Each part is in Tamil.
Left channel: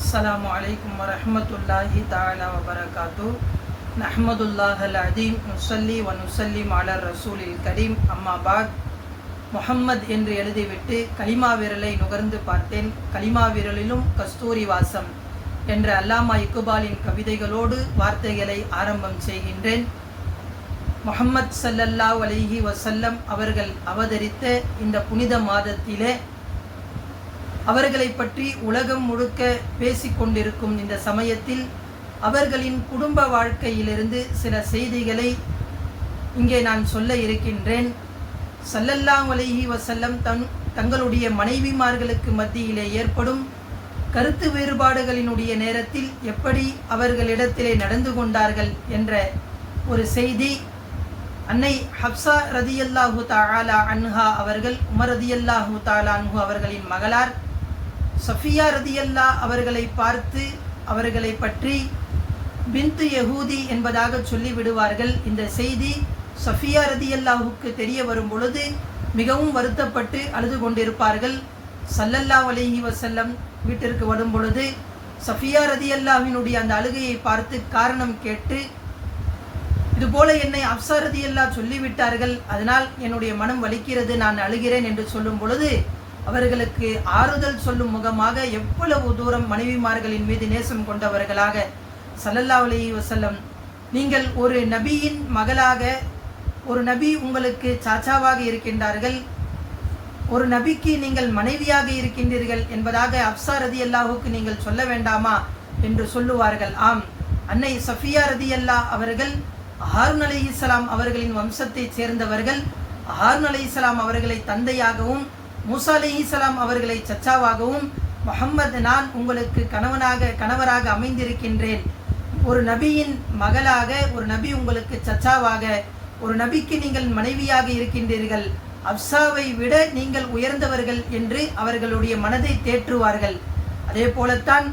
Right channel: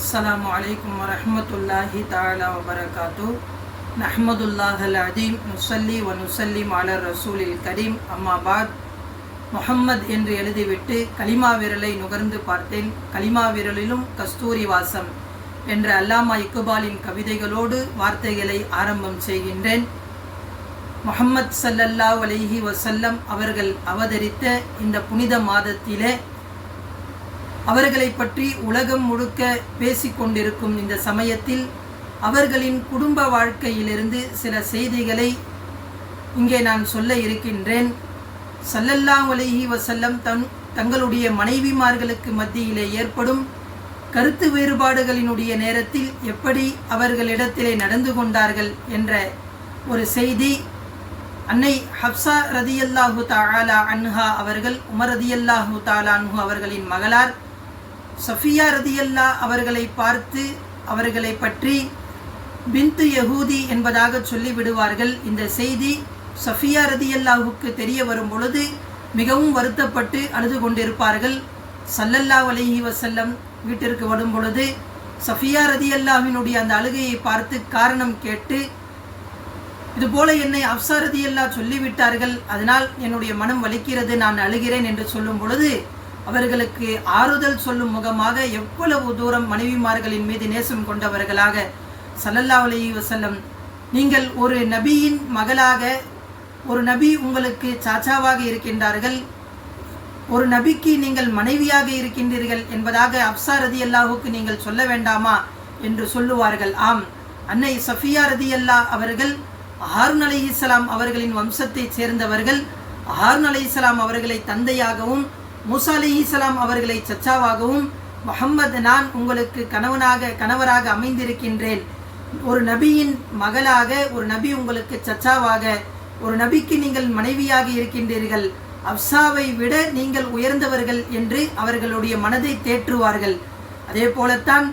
السلام عليكم ورحمة الله تعالى وبركاته نحمد الله العظيم نصلي ونسلم على الرسول الكريم أما بعد முஹம்மத் என்று எழுதிவிட்டு கலிமா விரலை நுகர்ந்து பார்த்தேன் கலிமா விரலிலும் கஸ்தூரி வாசம் என்ற அல்லாமா இக்குபாலின் கவிதைகளோடு வார்த்தைகளை ஆரம்பம் செய்கின்றேன் முஹம்மத் ஸல்லல்லாஹு அலைஹி வஸல்லம் அவர்கள் அவதரித்த இந்த புனித மாதத்திலே அவர்களை பற்றி உலகம் முழுக்க பேசிக்கொண்டிருக்கும் இந்த சமயத்தில் அவர்களின் குடும்ப வாழ்க்கையிலிருந்து சில செய்திகளை இங்கே நான் சொல்ல இருக்கின்றேன். சல்லல்லாம் அலைஹி வசல்லம் தன் தங்களுடைய மனைவிமார்களுக்கு மத்தியிலே ஏற்படும் கருத்து வேறுபாடுகளினுடைய நேரத்தில் எப்படி அவர்களிடத்திலே நடந்து கொண்டார்கள் என்ற ஒரு செய்தி அன்னை ஹப்சா ரதியல்லாஹு தாலா அன்ஹா அவர்கள் உமர் ரதியல்லாஹு தாலான்ஹு அவர்களின் மகளார் சஃபியா ரதியல்லா அவர்களை பார்த்து அவர்களை பற்றி பிந்து யகூதி என்பதாக சொல்லிவிடுவார்கள். இந்த செய்தி சஃபியா ரதியல்லாஹுக்கு தெரிய வரும் பொழுது மிகவும் வருத்தப்பட்டு அழுது கொண்டிருப்பார்கள். சல்லல்லா அலைஹி வசல்லம் வீட்டிற்கு வரும் பொழுது சஃபியா ரதியல்லாவினுடைய அந்த அழுகையை பார்த்து காரணம் கேட்டு இதுபோல என்னை அப்சா ரதியல்லா சொல்லிவிட்டார்கள். அதனால் என்னுடைய மனம் வலிக்கிறது. நான் அழுகிறேன் என்று சொல்லும் பொழுது அவர்களுக்கு ஆறுதல் சொல்லும் முகமாக எவ்வளவு தூரம் மனைவிமார்களின் மீது நேசம் கொண்டவர்களாக சல்லல்லா அலி வசல்லம் நீங்கள் ஒரு நபியின் மகளாக ஒரு நபி உங்களுக்கு சாச்சாவாக இருக்கின்றார்கள் ஒரு நபிக்கு நீங்கள் மனைவியாக இருக்கின்றீர்கள் என்பதாக அப்சா ரதி அல்லாஹுக்கு நீங்கள் சொல்ல வேண்டாமா என்று சொல்லுவார்கள். ஆம் அன்னை சஃபியா ரதி அல்லா அவர்கள் ஹாரூன் அலி இஸ்லாம் அவர்களின் வம்சத்தைச் சேர்ந்தவர்கள் ஹாரூன் அலி இஸ்லாம் அவர்களை தந்தையாகவும் மூசா அலி அவர்களை சச்சாவாகவும் முகம்மது நான் உங்களுக்கு கணவனாக கணவராக அமைந்திருக்கின்றேன். ஒரு நபியின் மகளாக ஒரு நபி உங்களுக்கு சச்சாவாக ஒரு நபிக்கு நீங்கள் மனைவியாக இருக்கின்றீர்கள். அப்சாவை விட நீங்கள் உயர்ந்தவர்கள் என்று அவர்களுடைய மனதை தேற்றுவார்கள். அதே போலத்தான்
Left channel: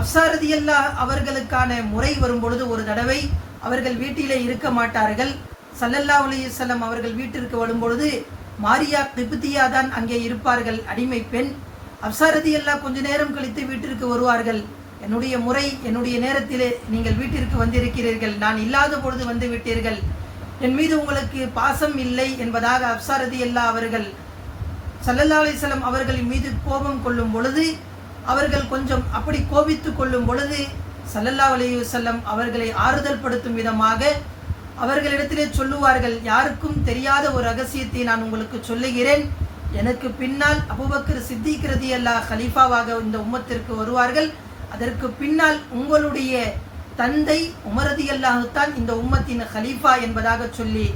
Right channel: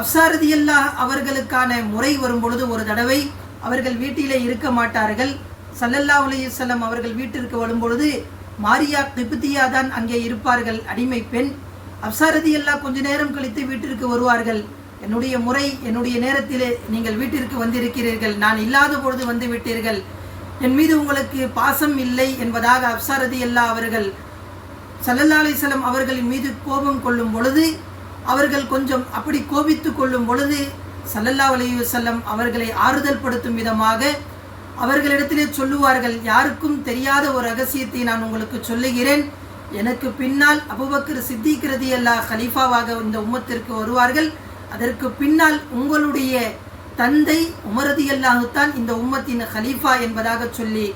அப்சாரதியல்லா அவர்களுக்கான முறை வரும் பொழுது ஒரு தடவை அவர்கள் வீட்டிலே இருக்க மாட்டார்கள். சல்லல்லா அலையுசல்லம் அவர்கள் வீட்டிற்கு வரும்பொழுது மாரியா திபுத்தியா தான் அங்கே இருப்பார்கள். அடிமை பெண். அப்சாரதி எல்லாம் கொஞ்ச நேரம் கழித்து வீட்டிற்கு வருவார்கள். என்னுடைய முறை என்னுடைய நேரத்திலே நீங்கள் வீட்டிற்கு வந்திருக்கிறீர்கள். நான் இல்லாத பொழுது வந்து விட்டீர்கள். என் மீது உங்களுக்கு பாசம் இல்லை என்பதாக அப்சாரதி அல்லா அவர்கள் சல்லல்லா அலிசல்லம் அவர்களின் மீது கோபம் கொள்ளும் பொழுது அவர்கள் கொஞ்சம் அப்படி கோபித்து கொள்ளும் பொழுது சல்லல்லா அலையுசல்லம் அவர்களை ஆறுதல் படுத்தும் விதமாக அவர்களிடத்திலே சொல்லுவார்கள் யாருக்கும் தெரியாத ஒரு ரகசியத்தை நான் உங்களுக்கு சொல்லுகிறேன். எனக்கு பின்னால் அபுபக்கர் சித்திக்கிறது அல்லா ஹலீஃபாவாக இந்த உம்மத்திற்கு வருவார்கள். அதற்கு பின்னால் உங்களுடைய தந்தை உமரதி அல்லாஹுத்தான் இந்த உம்மத்தின் ஹலீஃபா என்பதாக சொல்லி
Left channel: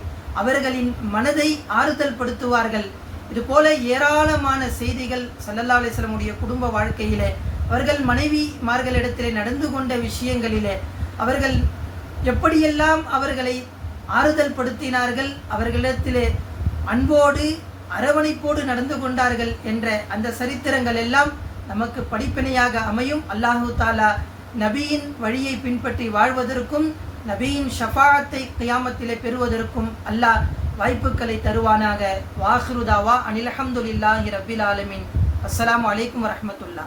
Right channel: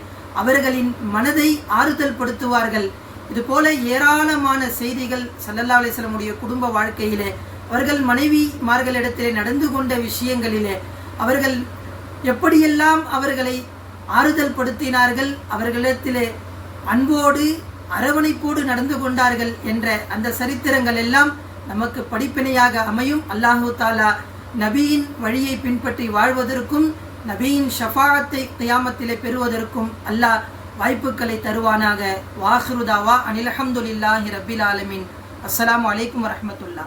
அவர்களின் மனதை ஆறுதல் படுத்துவார்கள். இது போல ஏராளமான செய்திகள் சல்லல்லா அலிஸ்லமுடைய குடும்ப வாழ்க்கையிலே அவர்கள் மனைவிமார்களிடத்திலே நடந்து கொண்ட விஷயங்களிலே அவர்கள் எப்படியெல்லாம் அவர்களை ஆறுதல் படுத்தினார்கள் அவர்களிடத்திலே அன்போடு அரவணைப்போடு நடந்து கொண்டார்கள் என்ற அந்த சரித்திரங்கள் எல்லாம் நமக்கு படிப்பினையாக அமையும். அல்லாஹு தாலா நபியின் வழியை பின்பற்றி வாழ்வதற்கும் நபியின் ஷஃபாத்தை கியாமத்திலே பெறுவதற்கும் அல்லாஹ் வாய்ப்புகளை தருவானாக. வாஹ்ருதாவா அனில் அஹமதுல்லாஹி ரபில் ஆலமின். அஸ்லாம் வலைக்கம் வரமத்துல்லா